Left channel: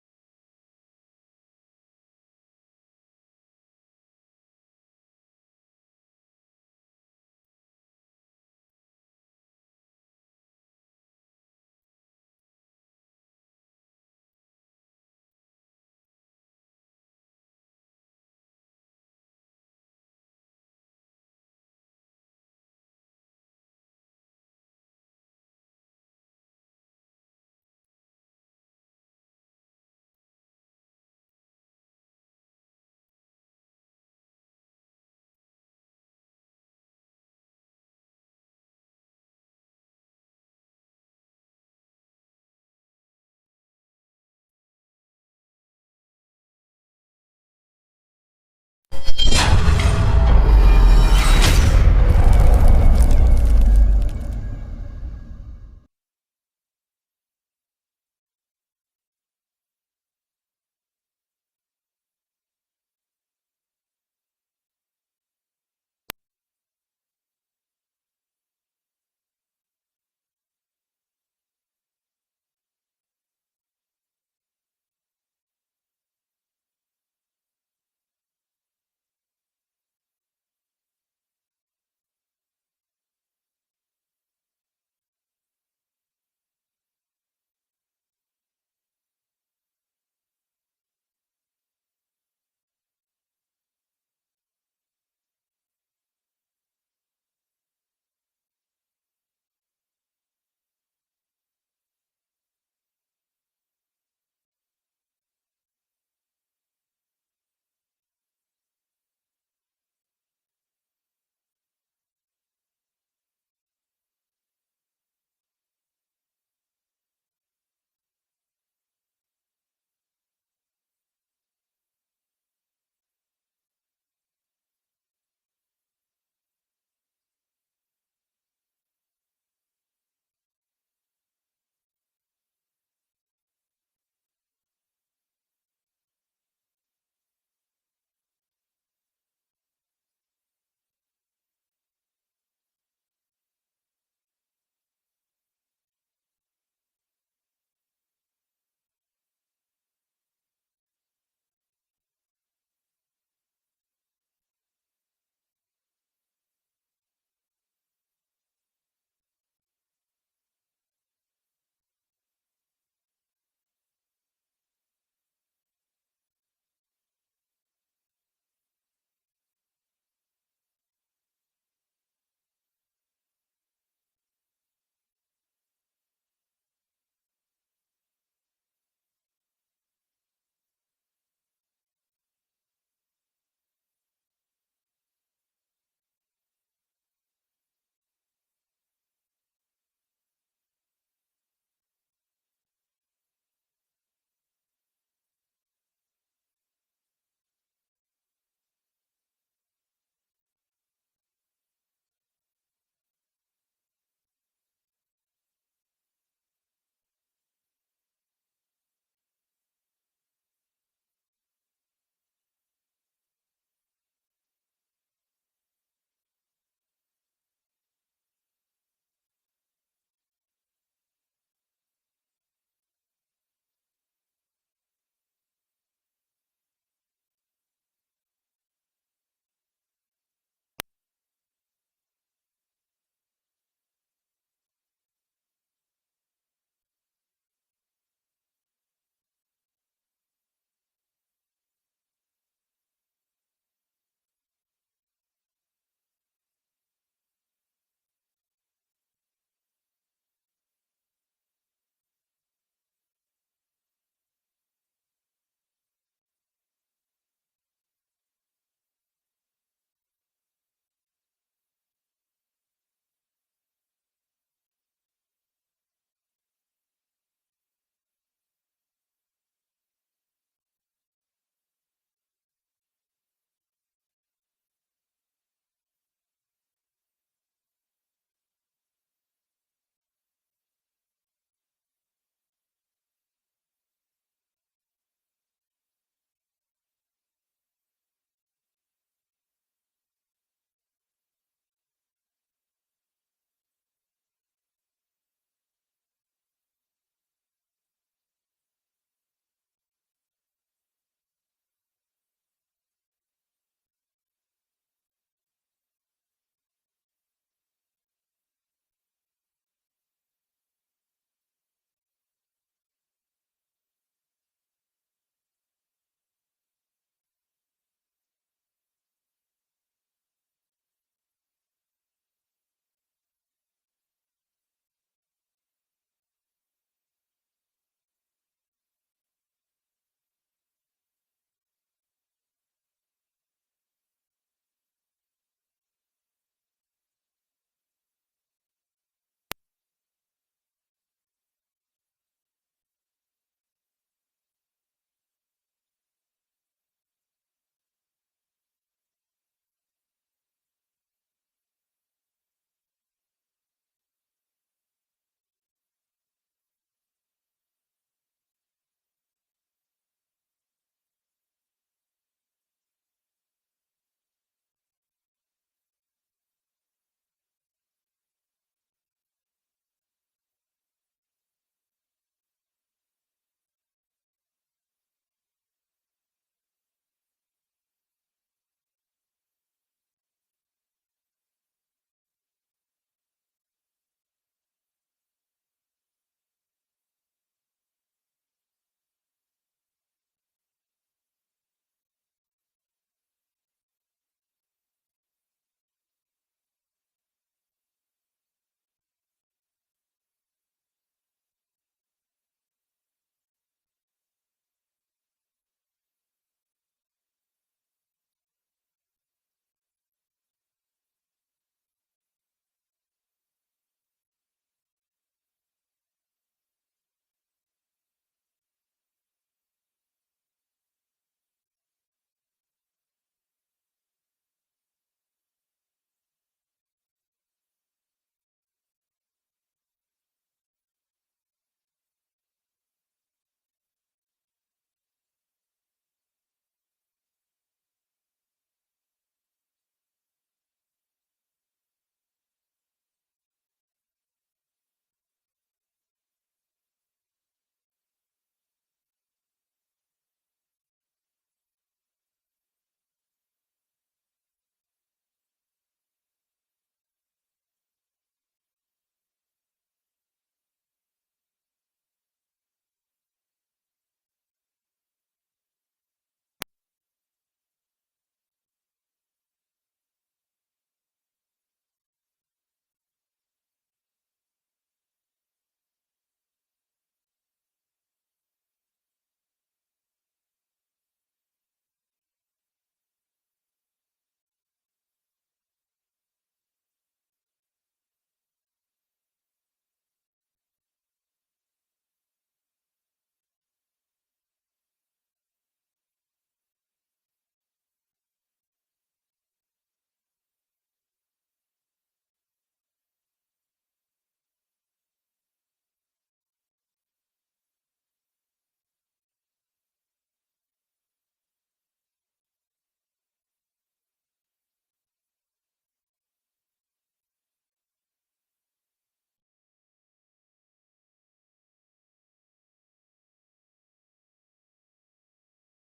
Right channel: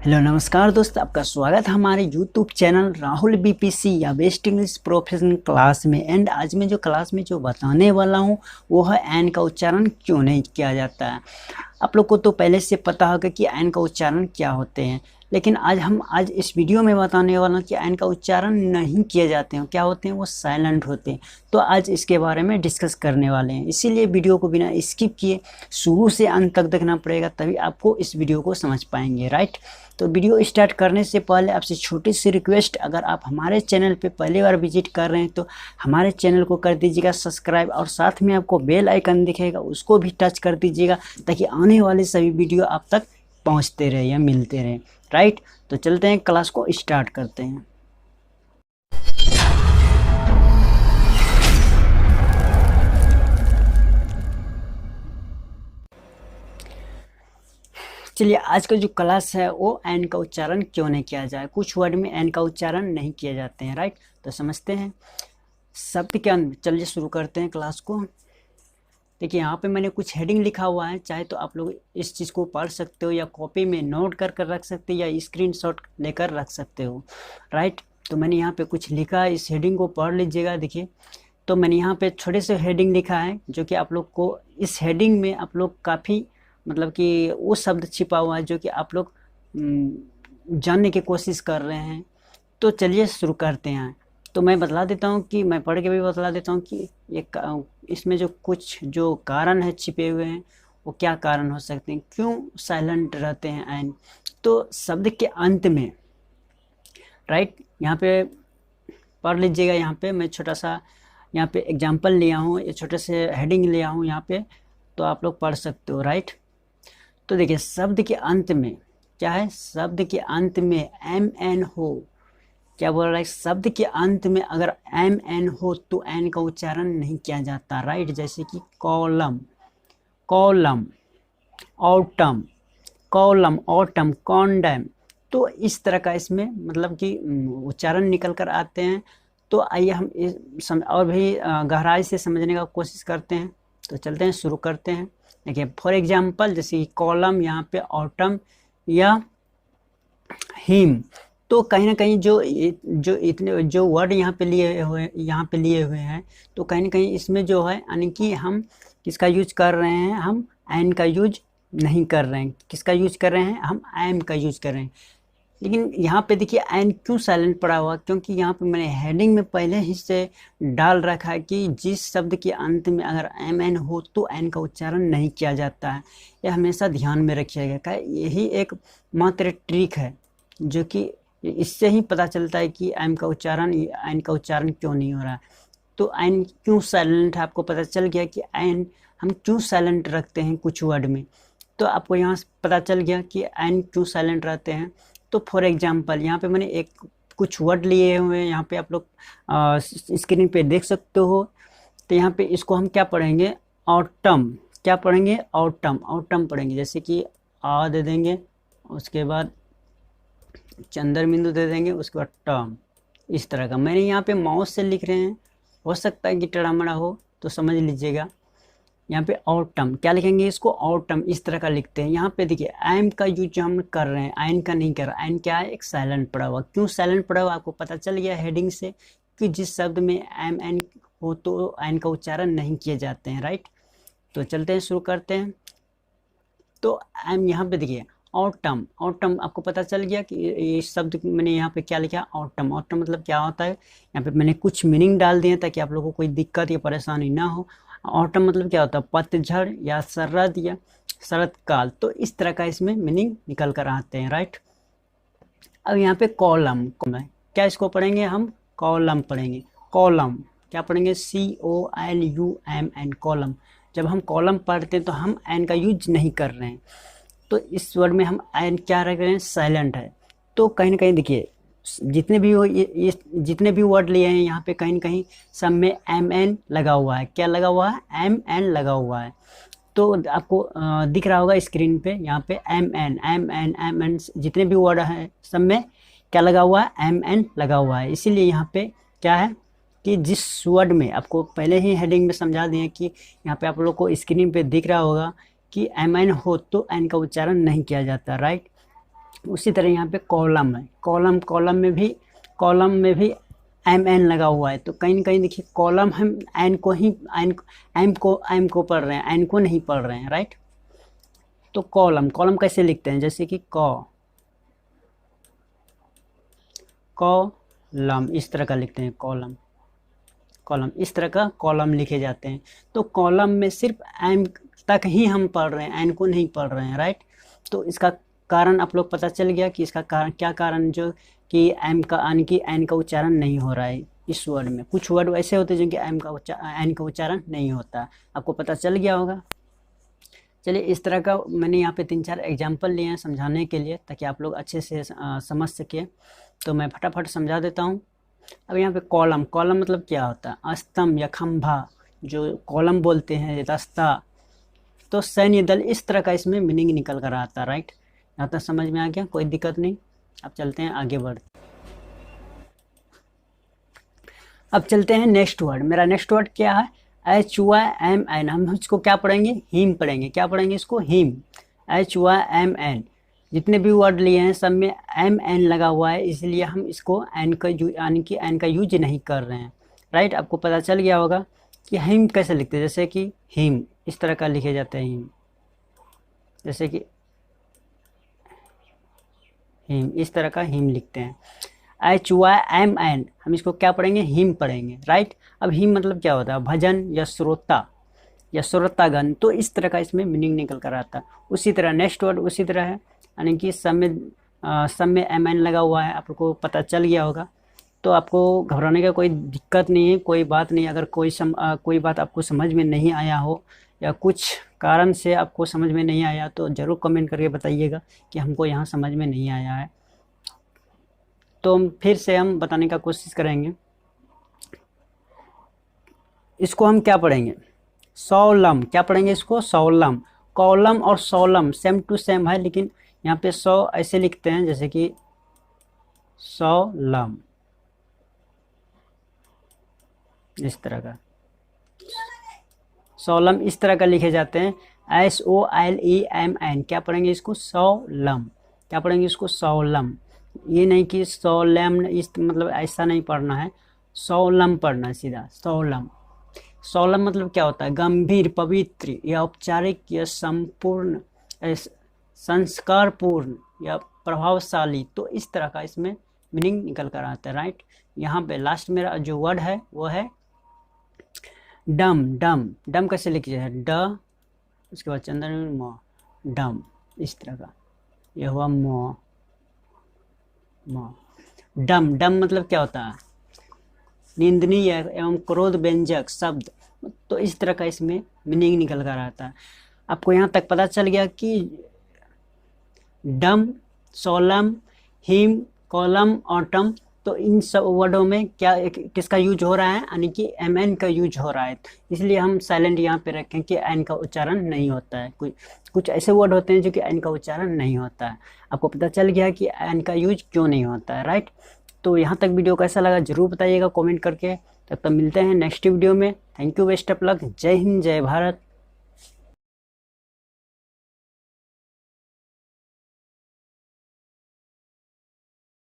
Hello नमस्कार दोस्त, आपका स्वागत है हमारे यूट्यूब चैनल राहुल बीपीसी या बेस्ट इंग्लिश प्रोफेशनल क्लास में। एंड आज मैं जो क्लास में जो बताने वाला हूँ वो है एन का उच्चारण क्यों नहीं किया जाता है। आप लोग को तो पहले से पता होगा कि एन का उच्चारण क्या होते हैं, लेकिन आज इस वीडियो में बताने वाला हूँ कि एन का उच्चारण नहीं किए जाते हैं, क्या होते हैं, वो साइलेंट होते हैं। तो आज इसके बारे में डिस्कस करने वाले हैं, इसीलिए वीडियो को बिना स्किप किए शुरू से अंत तक देखना पड़ेगा, तभी आपको इस वीडियो को समझ पाएंगे, राइट। तो वीडियो स्टार्ट करने से पहले आपसे छोटी सी रिक्वेस्ट, अगर आप हमारे चैनल पे पहली बार विजिट कर रहे हैं तो हमारे चैनल को कर दीजिएगा सब्सक्राइब, और साथ में आपको बेल आइकन दिखेगा उसको भी टच कर दीजिएगा, ताकि आने वाले सभी वीडियो आप तक पहुंचते रहे या मिलते रहे, राइट। तो चलते हैं, क्लास को स्टार्ट करते हैं। चलिए, आज का जो क्लास है वो एन का उच्चारण क्यों नहीं किया जाए, कुछ वर्ड में एन का उच्चारण नहीं किए जाते हैं, राइट। तो समझते हैं शब्द के अंत। चलिए शुरू करते हैं क्लास को। देखिए यहाँ पे मैंने कुछ हेडिंग लिखा हुआ है, चाहे तो आप लोग इस चीज़ को पढ़ सकते हो या कॉपी में नोट कर कर रख सकते हो या स्क्रीनशॉट लेकर रख सकते हो, राइट। तो मैंने यहाँ पे कुछ लिखा है, इस हेडिंग को पढ़ लीजिएगा। देखिए, तो मैंने यहाँ पे छोटे से हेडिंग लिखा है, जो कि आप लोग को इस हेडिंग में आप लोग काफ़ी मतलब कि वो शब्द छिपा हुआ है जो कि आप लोग जानने की कोशिश कर रहे हैं। तो चलिए शुरू करते हैं। तो मैं बतला देता हूँ कि मैं पढ़ के भी बतला देता हूँ कि इसमें जो कुछ जो कारण है छिपे हुए हैं वो क्या कारण हो सकते हैं, क्यों साइलेंट रहते हैं एन। तो शब्द के अंत में, राइट, यहाँ पे पढ़ लीजिएगा। यहाँ पे मैं छोटा सा यहाँ पे एग्जाम्पल लिया हूँ, ये छोटे से हेडिंग लिया हूँ यहाँ पे, तो आप लोग पढ़ सकते हो, राइट। तो देखिए शब्द के अंत में क्या है, शब्द के अंत में एम एन हो, क्या बोल रहा है, शब्द के अंत में अगर एम एन हो तो एन का उच्चारण नहीं किया जाता, राइट। जैसे कि column, column, autumn, column, autumn, condom. तो इस तरह का इसमें मतलब कि उच्चारण निकल कर आते हैं। तो आइए हम और भी गहराई से समझने का कोशिश करते हैं। तो चलते हैं, शुरू करते हैं। देखिए फॉर एग्जाम्पल, जैसे कॉलम, यहाँ पे ऑटम या हिम। तो कहीं ना कहीं जो इतने जो वर्ड यहाँ पे लिए हुए हैं, तो कहीं ना कहीं इसमें जो है यानी कि हम किसका यूज कर रहे हैं, हम एन का यूज नहीं कर रहे हैं। किसका यूज कर रहे हैं, हम एम का यूज कर रहे हैं। लेकिन यहाँ पे देखिए एन क्यों साइलेंट पड़ा हुआ, क्योंकि यहाँ पे मैंने हेडिंग में पहले ही से डाल रखा है कि जिस शब्द के अंत में अगर एम एन हो तो एन का उच्चारण नहीं किया जाता है। यह हमेशा ध्यान में रखिएगा, क्या यही एक मात्र ट्रिक है जो कि इससे ही पता चलता है कि एन का उच्चारण क्यों नहीं हो रहा है। तो एन क्यों साइलेंट है, आपको पता चल गया कि एन हम क्यों साइलेंट रखते हैं कुछ वर्ड में। तो आपको यहाँ पता चल गया कि एन क्यों साइलेंट रहते हैं। तो फॉर एग्जांपल यहाँ पे मैंने एक कुछ वर्ड लिए हुए हैं, यहाँ पे आप लोग स्क्रीन पे देख सकते हो। तो यहाँ पे इसको हम क्या पढ़ेंगे, ऑटम। क्या पढ़ेंगे, ऑटम, ऑटम पढ़ेंगे। जैसे कि आ दे देंगे, उसके बाद चंद्र बिंदु दे देंगे, उसके बाद टर्म। इस तरह का मैंने यहाँ पे माउस से लिख रहे हैं, हो सकता है कि टेढ़ा-मेढ़ा हो तो समझ लीजिएगा। यहाँ पे ऑटम क्या लिखेंगे, इसको ऑटम इस तरह का लिखते हैं। यहाँ पे देखिए एम का यूज जो हम कर रहे हैं, एन का नहीं कर रहा। एन क्या है, एक साइलेंट पड़ा हुआ। क्यों साइलेंट पड़ा हुआ, आपको पता चल गया हेडिंग से कि जिस शब्द में एम एन हो तो एन का उच्चारण नहीं किए जाते हैं, राइट। तो चलते हैं, शुरू करते हैं। तो एम यहाँ पे देखिए ऑटम, ऑटम आपको पता चल गया कि ये शब्द मैंने यहाँ पे क्या लिखा, ऑटम। ऑटम मतलब क्या होता है, यहाँ पे मैंने कुछ मीनिंग डाल दिए ताकि आप लोगों को कोई दिक्कत या परेशानी ना हो। ऑटम मतलब क्या होता है, पतझड़ या शरद या शरद काल। तो इस तरह का इसमें मीनिंग निकल कर आते हैं, राइट। अब यहाँ पे कॉलम, क्या इसको पढ़ेंगे हम, कॉलम पढ़ेंगे। कॉलम क्या पढ़ेंगे, COLUMN, कॉलम। जब हम कॉलम पढ़ते हैं तो हम एन का यूज नहीं कर रहे हैं, तो इस वर्ड में हम एन क्या रख रहे हैं, साइलेंट है। तो कहीं ना कहीं देखिए जितने भी हो ये जितने भी वर्ड लिए हैं यहाँ पे कहीं ना कहीं सब में एम एन लगा हुआ है। क्या लगा हुआ है, एम एन लगा हुआ है। तो आपको दिख रहा होगा स्क्रीन पे, यहाँ पे M N M N M N जितने भी वर्ड हैं सब में क्या लगा हुआ है, एम एन लगा हुआ है। इसीलिए यहाँ पे क्या है कि जिस वर्ड में आपको पहले ही हेडिंग में समझा दिए कि यहाँ पे आप लोग को स्क्रीन पे दिख रहा होगा कि एम एन हो तो एन का उच्चारण नहीं किया जाता, राइट। उसी तरह यहाँ पे कॉलम है, कॉलम में भी एम एन लगा हुआ है, तो कहीं ना कहीं देखिए कॉलम हम एन को ही एम को पढ़ रहे हैं, एन को नहीं पढ़ रहे हैं, राइट। तो कॉलम कैसे लिखते हैं, जैसे कि कॉलम इस तरह का लिखते हैं, कॉलम इस तरह का कॉलम लिखे जाते हैं। तो कॉलम में सिर्फ एम तक ही हम पढ़ रहे हैं, एन को नहीं पढ़ रहे हैं, राइट। तो इसका कारण आप लोग पता चल गया कि इसका कारण क्या कारण जो कि एम का यानी कि एन का उच्चारण नहीं हो रहा है इस वर्ड में। कुछ वर्ड ऐसे होते हैं जिनके एन का उच्चारण नहीं होता, आपको पता चल गया होगा। चलिए, इस तरह का मैंने यहाँ पे 3-4 एग्जाम्पल लिए हैं समझाने के लिए, ताकि आप लोग अच्छे से समझ सकें। तो मैं फटाफट समझा देता हूँ। अब यहाँ पे कॉलम मतलब क्या होता है, स्तंभ या खंभा, जो कॉलम बोलते हैं, रास्ता। तो सैन्य दल, इस तरह का इसमें मीनिंग निकल कर आता है, राइट। यहाँ तक समझ में आ गया, कोई दिक्कत नहीं। अब चलते हैं आगे अब चलते हैं नेक्स्ट वर्ड। मेरा नेक्स्ट वर्ड क्या है, HYMN। हम इसको क्या पढ़ेंगे, हिम पढ़ेंगे। क्या पढ़ेंगे इसको, हिम, HYMN। जितने भी वर्ड लिए हैं सब में MN लगा हुआ है, इसलिए हम इसको एन का यानी कि एन का यूज नहीं कर रहे हैं, राइट। आपको पता चल गया होगा कि हिम कैसे लिखते हैं, जैसे कि हिम इस तरह का लिखे जाते हैं, हिम, जैसे कि हिम, इस तरह का हिम लिखते हैं, HYMN। हम इसको क्या पढ़ेंगे, हिम पढ़ेंगे, राइट। अब हिम मतलब क्या होता है, भजन या श्रोता या श्रोतागण। तो इस तरह का इसमें मीनिंग निकल कर आता है। उसी तरह नेक्स्ट वर्ड उसी तरह है, यानी कि सब में MN लगा हुआ है, आपको पता चल गया होगा। तो आपको घबराने का कोई दिक्कत नहीं है, कोई बात नहीं। अगर कोई बात आपको समझ में नहीं आया हो या कुछ कारण से आपको समझ में नहीं आया, तो ज़रूर कमेंट करके बताइएगा कि हमको यहाँ समझ में नहीं आया है, तो फिर से हम बताने का कोशिश करेंगे। इसको हम क्या पढ़ेंगे, सौलम। क्या पढ़ेंगे इसको, सौलम। कॉलम और सौलम सेम टू सेम है, लेकिन यहाँ पे ऐसे लिखते हैं, जैसे कि सौलम, इस तरह का सौलम इस तरह का लिखे जाते हैं, SOLEMN। क्या पढ़ेंगे इसको, सौलम। क्या पढ़ेंगे इसको, सौलम। ये नहीं कि सौलम, इस मतलब ऐसा नहीं पढ़ना है, सौलम पढ़ना है सीधा, सौलम। सौलम मतलब क्या होता है, गंभीर, पवित्र या औपचारिक या संपूर्ण, संस्कारपूर्ण या प्रभावशाली। तो इस तरह का इसमें मीनिंग निकल कर आता है, राइट। यहाँ पे लास्ट मेरा जो वर्ड है वो है डम कैसे लिखिए है, ड, उसके बाद चंद्र म, डम, इस तरह का। ये हुआ म, डम मतलब क्या होता है, निंदनीय एवं क्रोध व्यंजक शब्द। तो इस तरह का इसमें मीनिंग निकल कर आता है। आपको यहाँ तक पता चल गया कि डम, सोलम, हिम, कॉलम और टम, तो इन सब वर्डों में क्या किसका यूज हो रहा है, यानी कि MN का यूज हो रहा है। इसलिए हम साइलेंट यहाँ पे रखें कि एन का उच्चारण नहीं होता है। कुछ ऐसे वर्ड होते हैं जो कि एन का उच्चारण नहीं होता है। आपको पता चल गया कि एन का यूज क्यों नहीं होता है, राइट। तो यहाँ तक वीडियो कैसा लगा जरूर बताइएगा कमेंट करके। तब तक मिलते हैं नेक्स्ट वीडियो में। Thank you, best of luck, जय हिंद, जय भारत।